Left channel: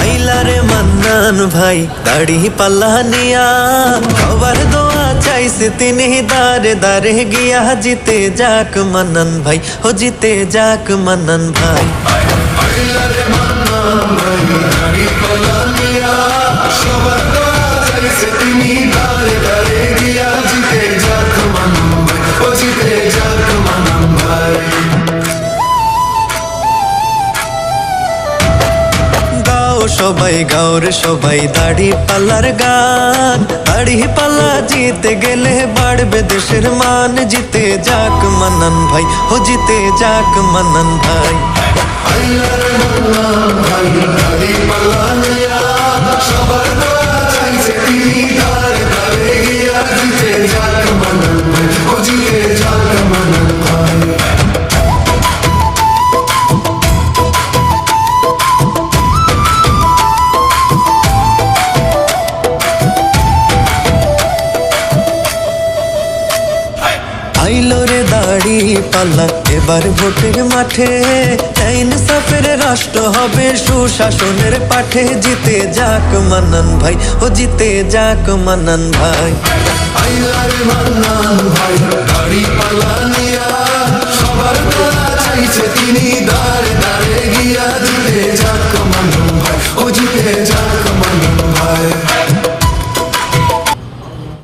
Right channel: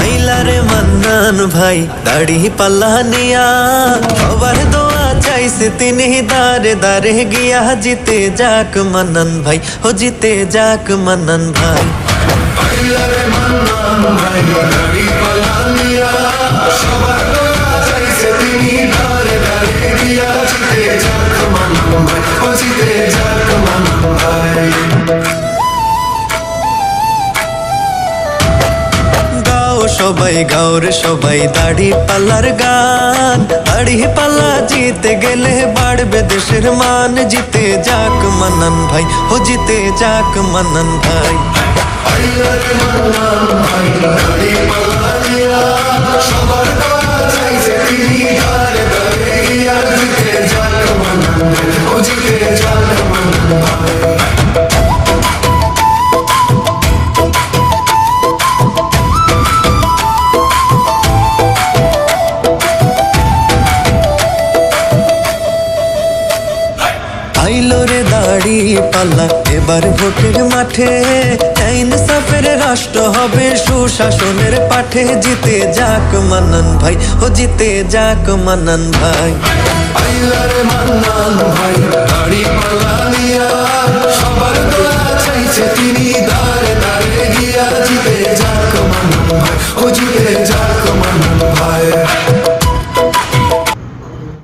আইলারে মান্নান ভাই দাড়ি পাল্লা নিয়া, সবার দোয়া চাইছে তিনি দারে দারে গিয়া, জিতে যাক মান্নান ভাই, ও জিতে যাক মান্নান ভাই। আইলারে মান্নান ভাই দাড়ি পাল্লা নিয়া, সবার দোয়া চাইছে তিনি দারে দারে গিয়া, জিতে যাক মান্নান ভাই, ও জিতে যাক মান্নান ভাই। গাও সবাই, গাও রে সবাই দাড়ি পাল্লার গান, দাড়ি পাল্লা জিতে গেলে বাড়বে দেশের মান, জিতে যাক মান্নান ভাই, ও জিতে যাক মান্নান ভাই। আইলারে মান্নান ভাই দাড়ি পাল্লা নিয়া, সবার দোয়া চাইছে তিনি দারে দারে গিয়া, জিতে যাক মান্নান ভাই, ও জিতে যাক মান্নান ভাই। আইলো রে দাড়ি পাল্লা এবার ভোটের মাঠে, আইন সাফের রাষ্ট্র হবে সুশাসনের পাঠে, জিতে যাক মান্নান ভাই, ও জিতে যাক মান্নান ভাই। আইলারে মান্নান ভাই দাড়ি পাল্লা নিয়া, সবার দোয়া চাইছে তিনি দারে দারে গিয়া, জিতে যাক মান্নান ভাই, ও জিতে যাক মান্নান ভাই।